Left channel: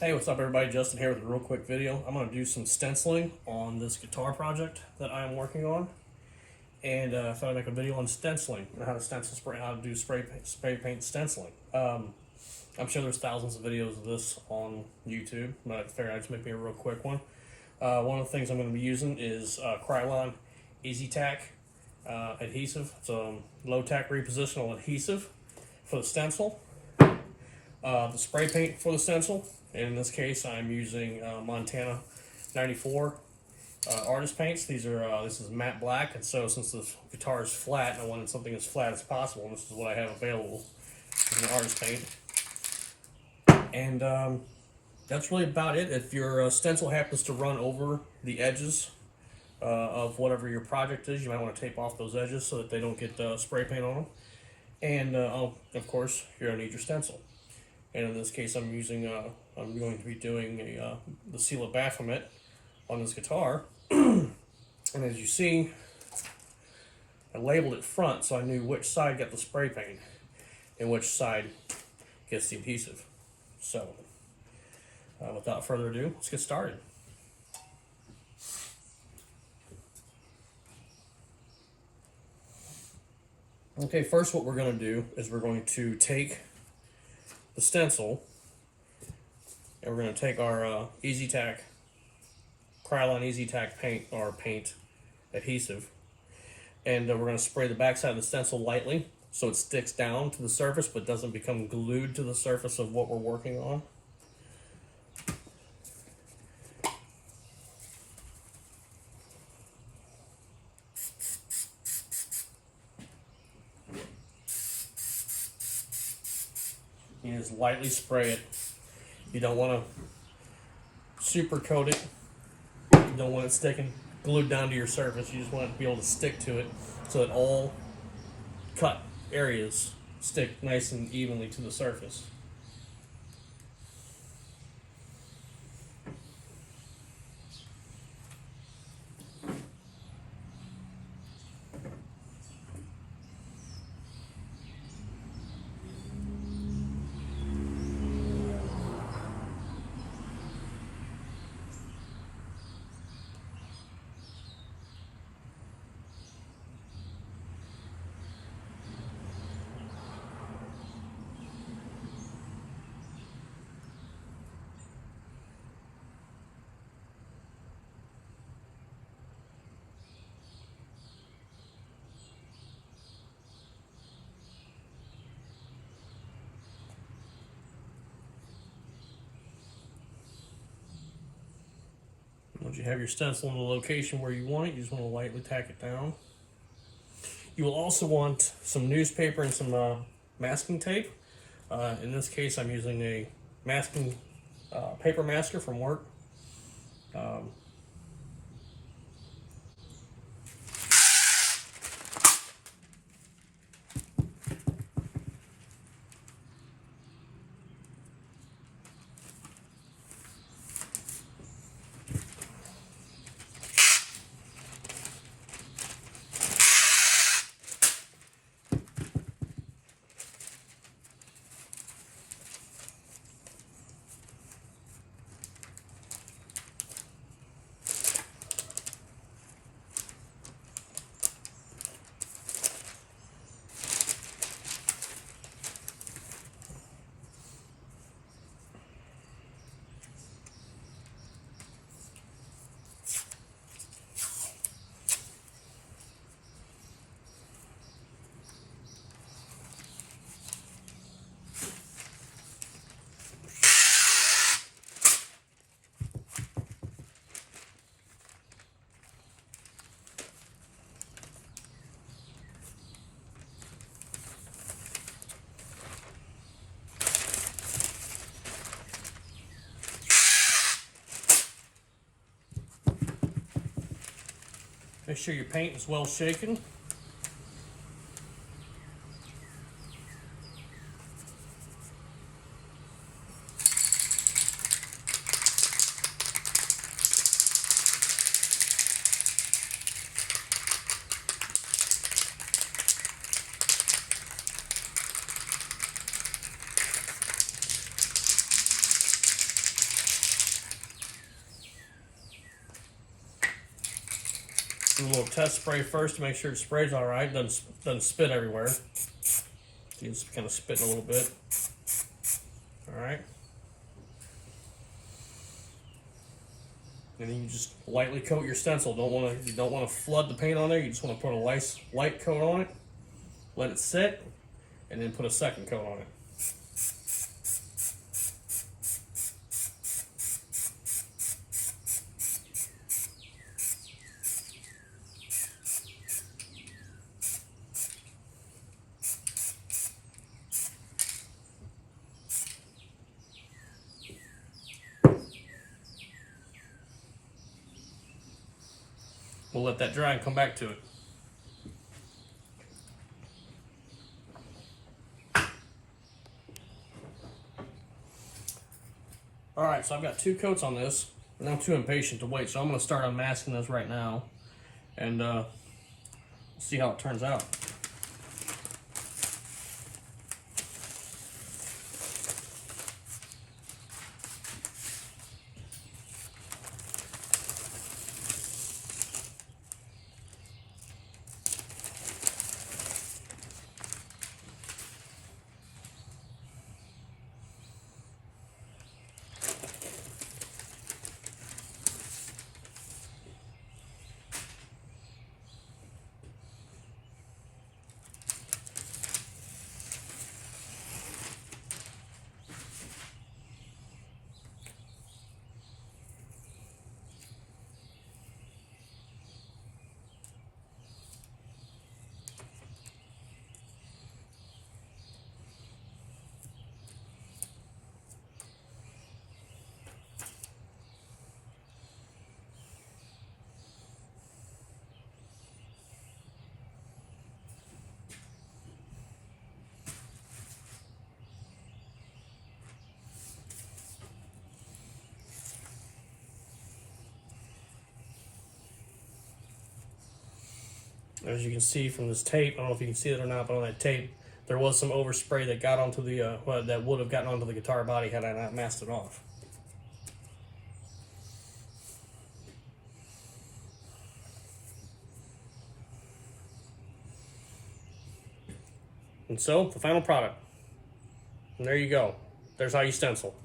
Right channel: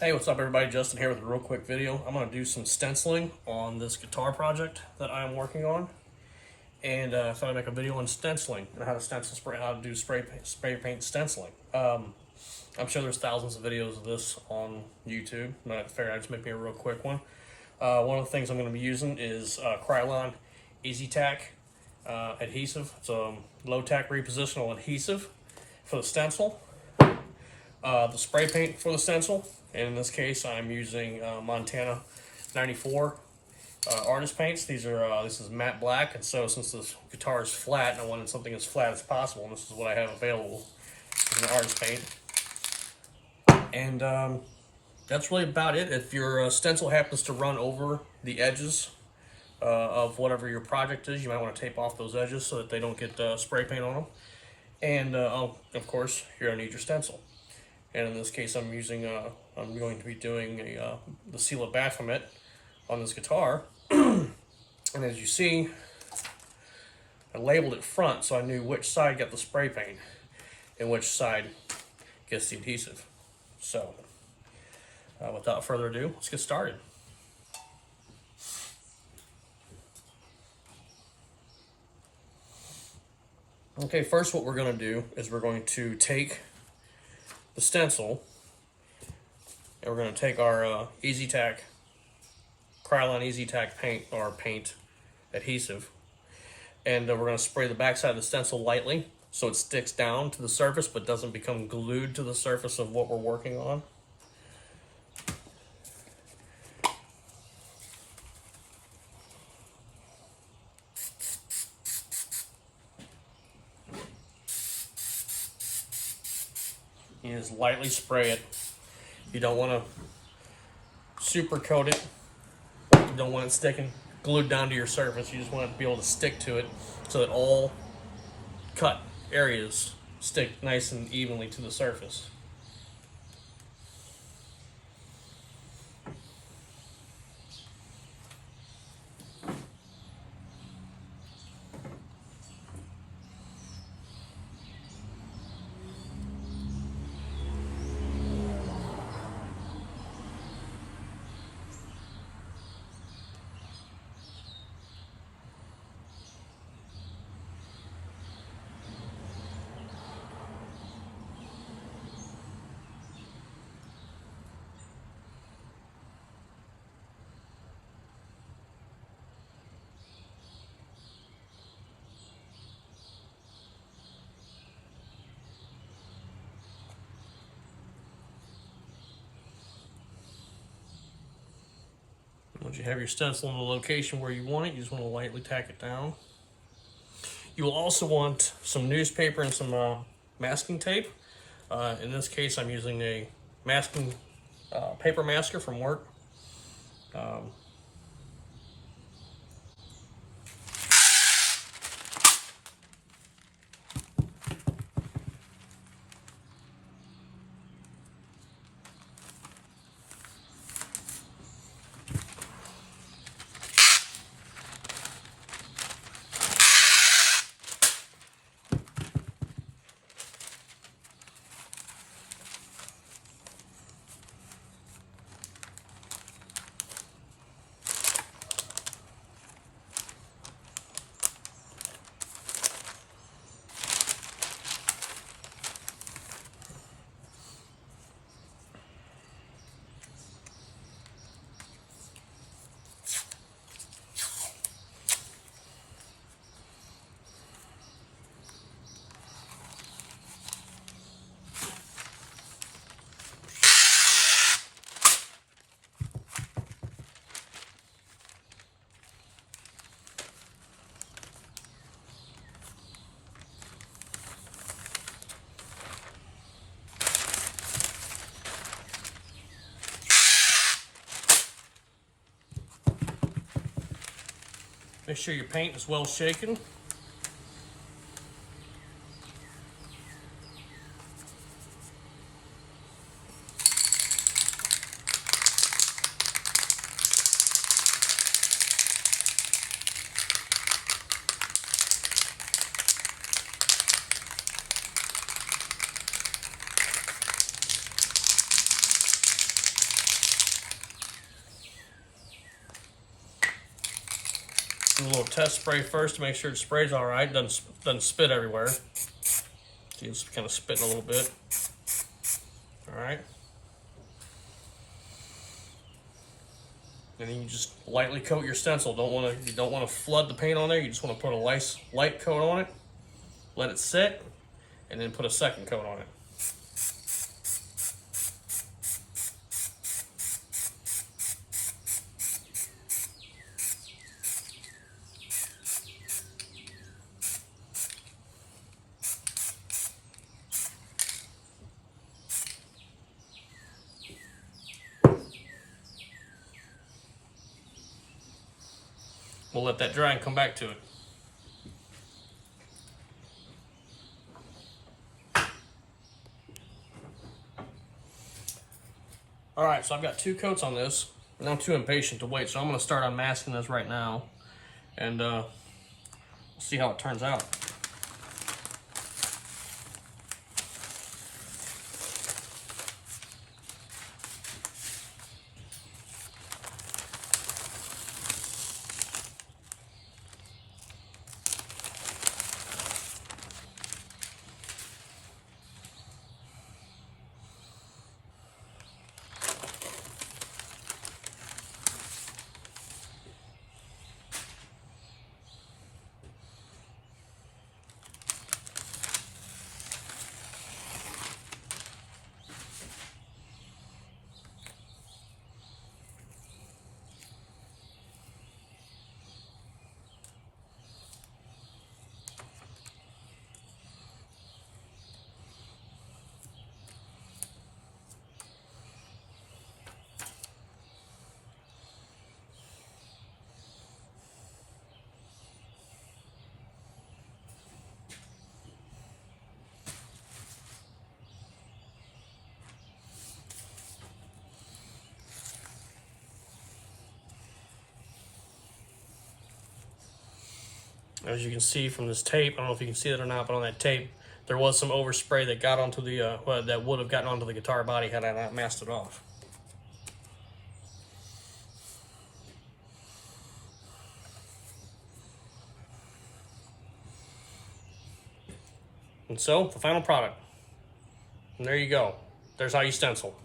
Hey, what's up everybody? Justin here with a real quick video. I'm going to do some stenciling on this guitar project that I'm working on. And I thought I'd make a video on stenciling and how to stencil spray, how to do spray paint stenciling. I'm sure there's thousands of videos of this on YouTube, but I figured I'd just make me a real quick one. One of the things I'm going to be using is Krylon Easy Tack adhesive. It's a low tack repositional adhesive for the stencil. The spray paint for the stencil, and in this case I'm using Montana 94 artist paints. This is matte black, and so since this guitar is flat and I wanted something as flat as possible, and this is what I have available as an artist paint. And that's really about it. If your stencil happens to run over the edges of whatever your project is, you might want to tape off those edges so that they don't get spray paint on them. And of course, you're gonna need your stencil. And in this case, I'm going to be doing the seal of Baphomet on this guitar. And as you see, I labeled it front, so I knew which side got the spray paint and which side gets the adhesive. So, without further ado, let's get started. Okay, first what we're going to do is we're going to take the stencil, and we're going to take our Easy Tack, Krylon Easy Tack paint adhesive, and we're going to spray the backside of the stencil lightly so it sticks down to the surface but doesn't become glued to the surface of what we're working on. You just lightly spray it. You don't want to super coat it. You don't want it sticking glued down to your surface. You just want it to be able to stick to it so that all cut areas stick nice and evenly to the surface. Once you have your stencil in the location where you want it, you just want to lightly tack it down. You will also want some newspaper and some masking tape. In this case, I'm using a masking paper masker from work. Make sure your paint is well shaken. Do a little test spray first to make sure it sprays all right. Doesn't spit everywhere. See, it's kind of spitting a little bit. All right. And then you just lightly coat your stencil. You don't want to flood the paint on there. You just want to put a nice light coat on it. Let it sit, and then put a second coat on it. We'll let that dry and come back to it. All right, so I've got 2 coats on this, and I'm too impatient to wait, so I'm going to start unmasking this right now, and we'll see how it turns out. As you can see from this tape, I don't know if you can see it or not, but on that tape, there was some overspray that got onto the, that would have gotten onto the guitar body had I not masked it off. And so, the final product. And there you go. There's how you stencil.